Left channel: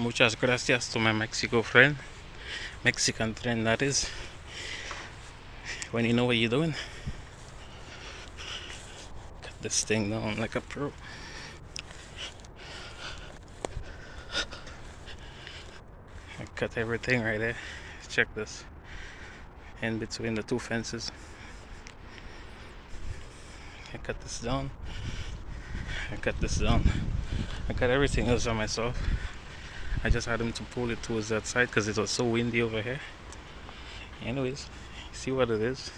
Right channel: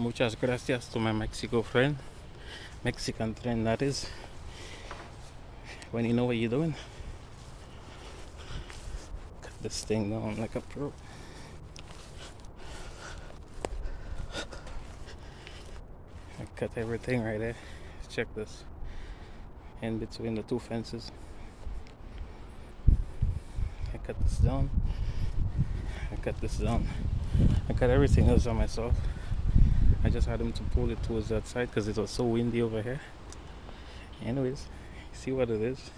Muchas gracias to my Mexican friend that is. When you know what you're doing, cut this thing down like a pro. I cut everything right there. Check this. In between the two fences. I cut this down. I cut this down. I cut everything else on myself. I just had him to pull it towards that side because it was so windy over here. Anyways, see what it is.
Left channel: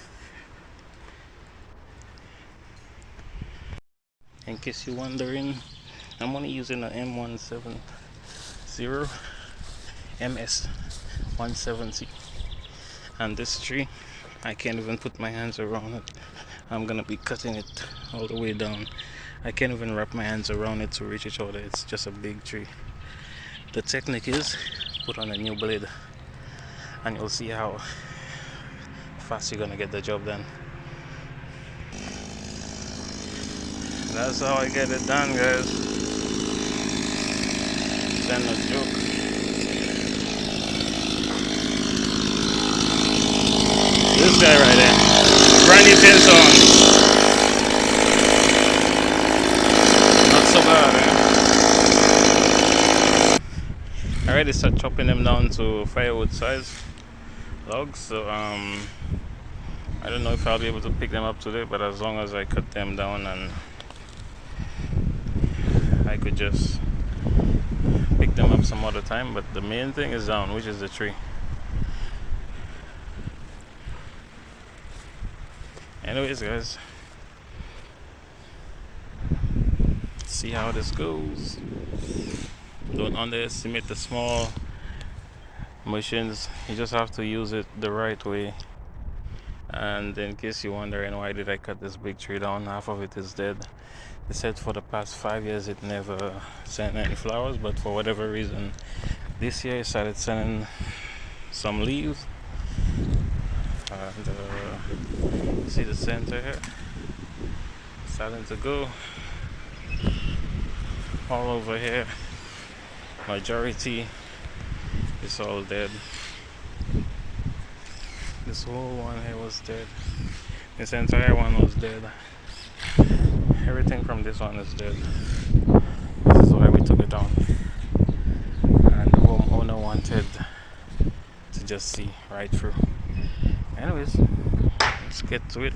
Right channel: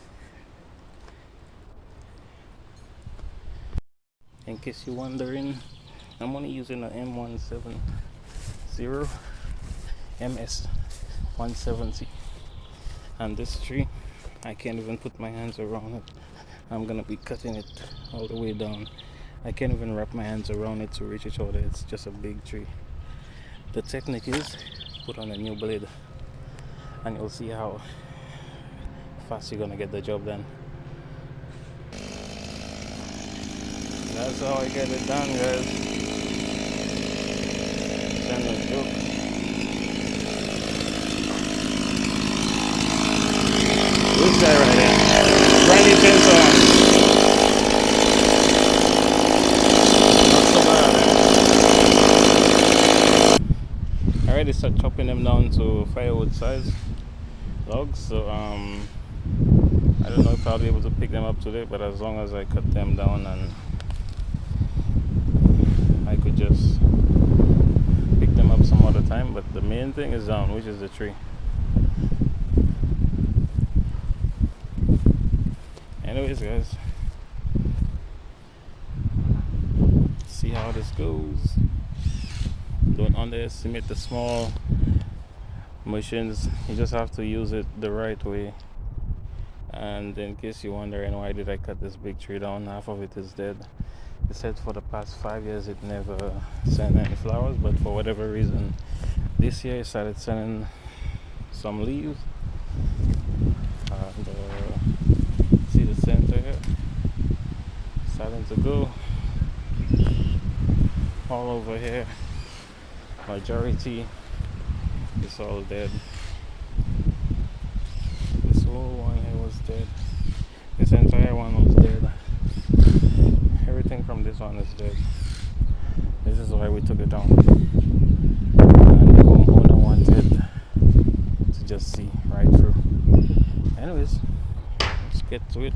In case you're wondering, I'm only using an M170 MS170, and this tree I can't even put my hands around it. I'm gonna be cutting it all the way down. I can't even wrap my hands around it to reach each other. It's just a big tree. The technique is put on a new blade and you'll see how fast you're gonna get the job done. That's how I get it done, guys. It's no joke. This guy right there, brand new pencil on. Not so bad, man. I already start chopping them down to firewood size logs, so I don't know if I'll be able to pick them up today, but as long as I cut them down, and I could just pick them up some other time. But the main thing is down, which is the tree. Anyways, guys, see how this goes. Don't underestimate the small machines. You just have to use it the right way. And in case you're wondering why did I cut this big tree down, half of it is dead. They said for the past 5 years it never sent any flowers, but for whatever reason this year it started sending some leaves. And see the center here starting to go all over here. Majority is all dead. This whole one here was dead. This entire one was dead. Everything from this one is dead. This is why we took it down. And the homeowner wanted to just see right through. Anyways, let's get to it.